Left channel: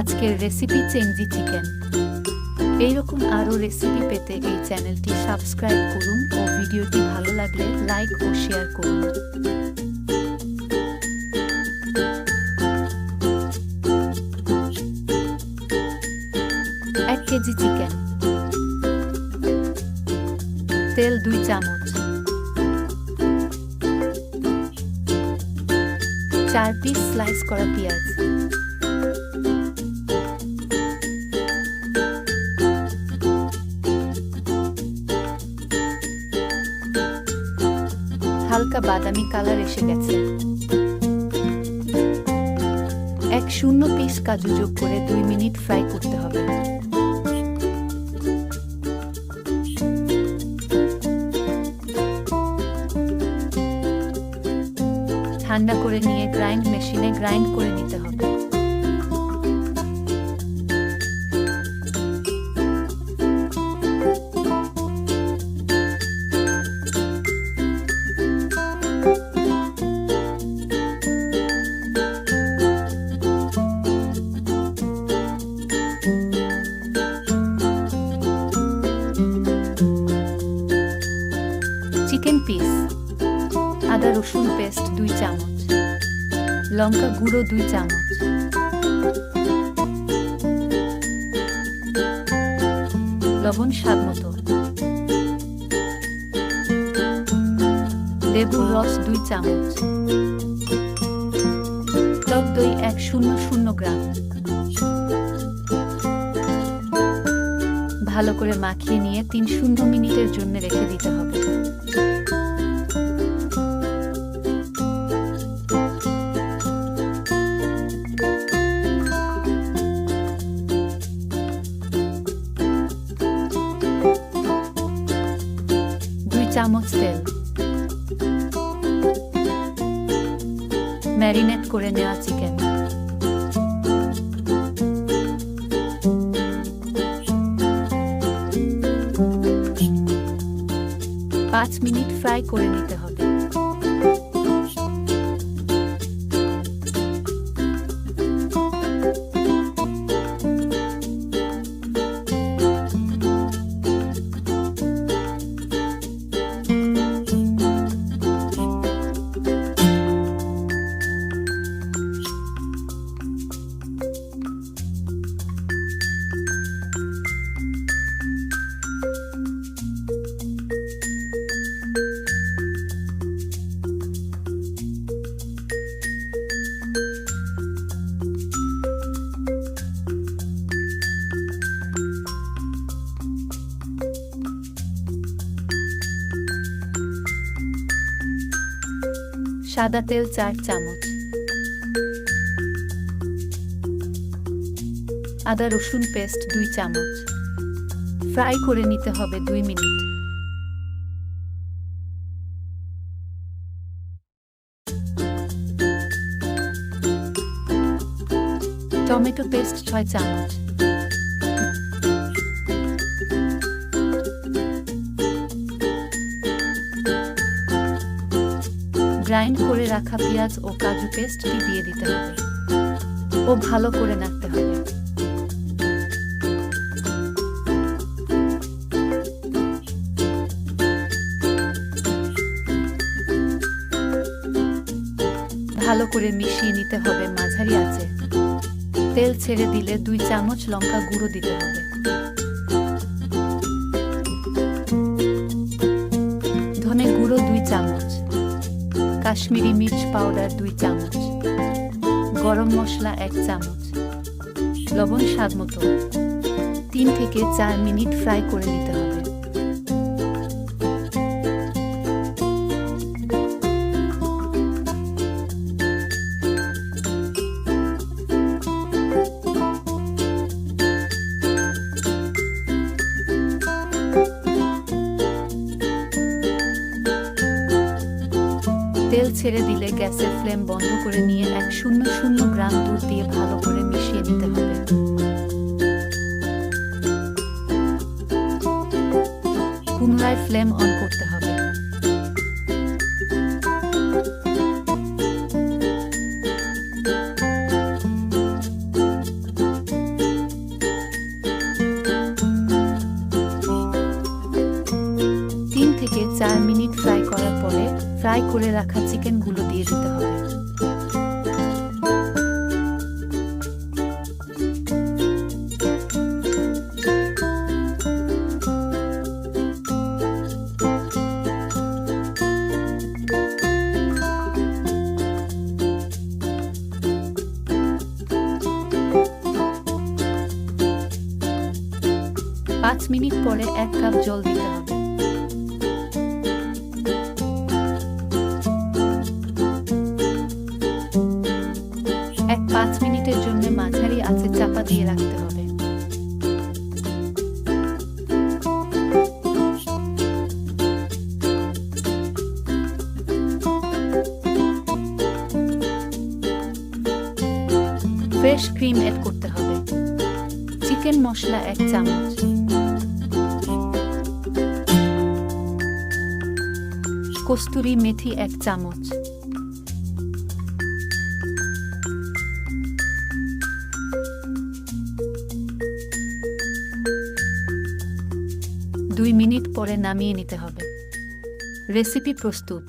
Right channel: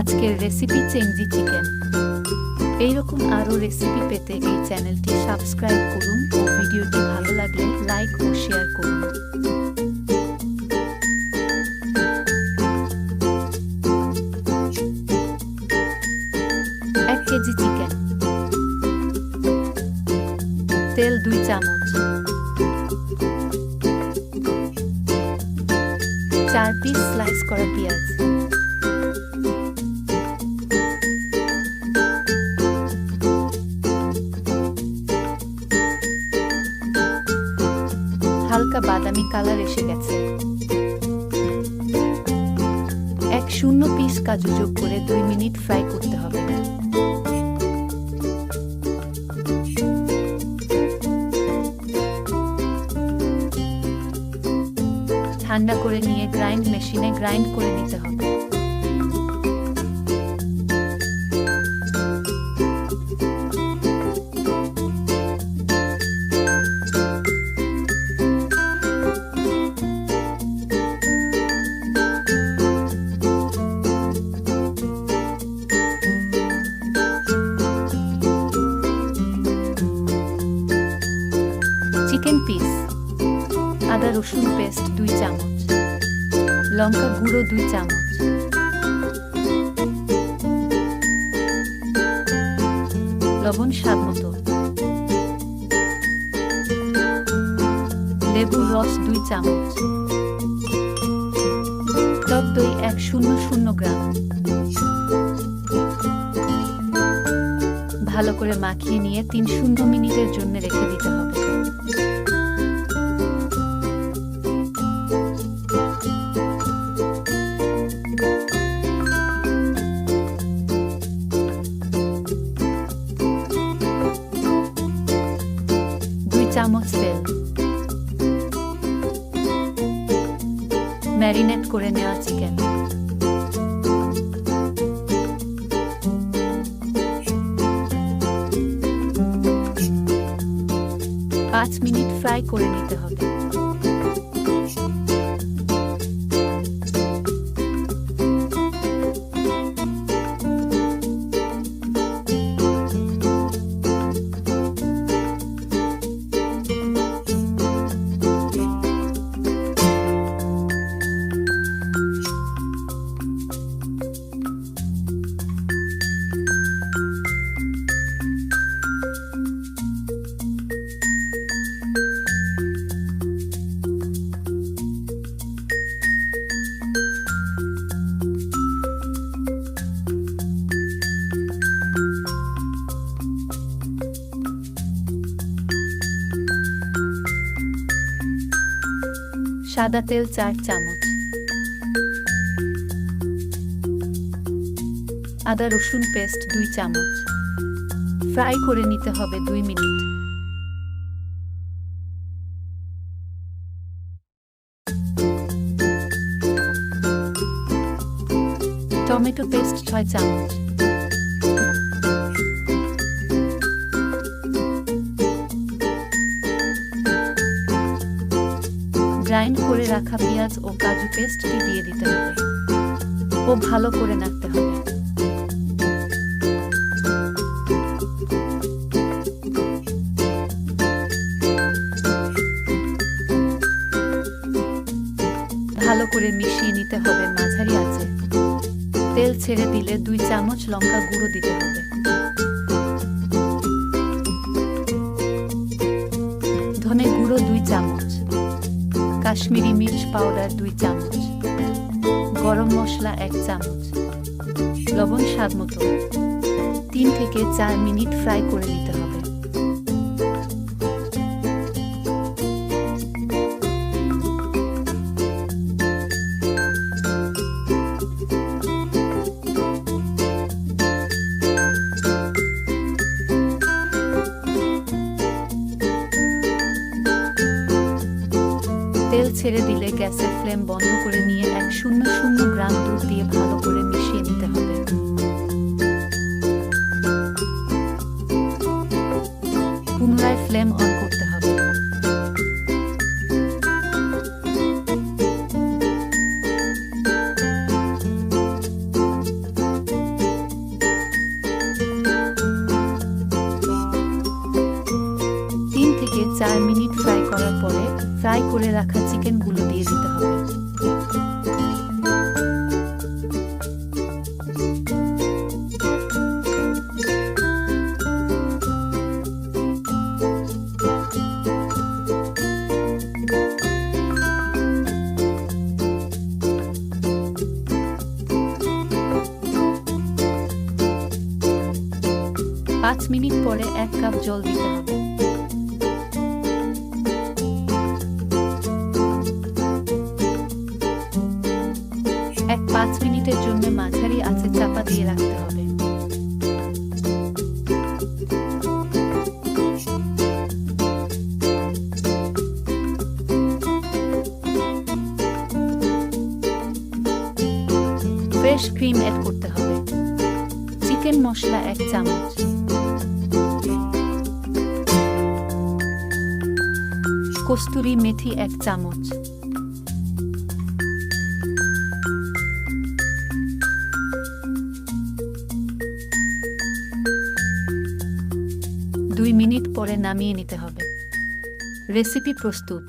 আজকের recipe চেংজি chicken. এইরকম আরও রেসিপি পেতে এই চ্যানেলটি সাবস্ক্রাইব করুন ও ভিডিওটি ভালো লাগলে লাইক ও শেয়ার করুন। 1 কেজি চিকেন, তেল 2 চামচ, 4 পিস স্লাইস করা পেঁয়াজ, হালকা বাদামি কালার এসে গেছে। 1 পিস কাজু যোগ করে 2 মিনিট ফ্রাই করতে হবে। ঠান্ডা করে নিয়ে গ্রাইন্ড মেশিনে গ্রাইন্ড করে নিতে হবে। চিকেন পিস, আদা রসুন পেস্ট 2 চামচ, লঙ্কা গুঁড়ো 2 চামচ, লবণ স্বাদমতো, লেবুর রস 2 চামচ, টক দই 100 গ্রাম। ভালো করে মাখিয়ে নিয়ে 3 মিনিটের জন্য রেখে দিতে হবে। চামচ তেল, ম্যারিনেট করে নেওয়া চিকেন, 5 মিনিট ফ্রাই করে নিতে হবে। সাদা তেল 4 চামচ, আদা রসুন পেস্ট 2 চামচ, ফ্রাই করে নিতে হবে 2 মিনিট। টমেটো পেস্ট 6 চামচ, গ্রাইন্ড করে রাখা পেঁয়াজ ও কাজু পেস্টটি দিয়ে দিতে হবে ও ভালো করে নাড়তে হবে। ভালো করে মিশিয়ে নিতে হবে মাঝারি আঁচে। তেল ছেড়ে দিলে 2 চামচ লঙ্কা গুঁড়ো দিতে হবে। ধনে গুঁড়ো 2 চামচ, কাশ্মীরি মির্চ পাউডার 2 চামচ, গরম মশলা 1 চামচ, লবণ স্বাদমতো। 3 থেকে 4 মিনিট ফ্রাই করে নিতে হবে। তেল ছেড়ে দিলে গ্যাসের ফ্লেম বন্ধ করে নিয়ে 100 গ্রাম দুধ দিয়ে ভালো করে মিশিয়ে নিতে হবে। পুনরায় ফ্লেম অন করতে হবে। 4 মিনিট ফ্রাই করার পরে ফ্রাই করে রাখা চিকেনগুলো দিয়ে দিতে হবে। পাঁচ মিনিট পরে 1 কাপ জল দিতে হবে। এক 5 মিনিটের জন্য মাঝারি আঁচে চাপা দিয়ে রাখতে হবে। ফ্রেশ ক্রিম অ্যাড করতে হবে। চিকেন মশলা 1 চামচ, কস্তুরি মেথি 1 চামচ, দুই মিনিট পরে নামিয়ে নিতে হবে। রেসিপি প্রস্তুত।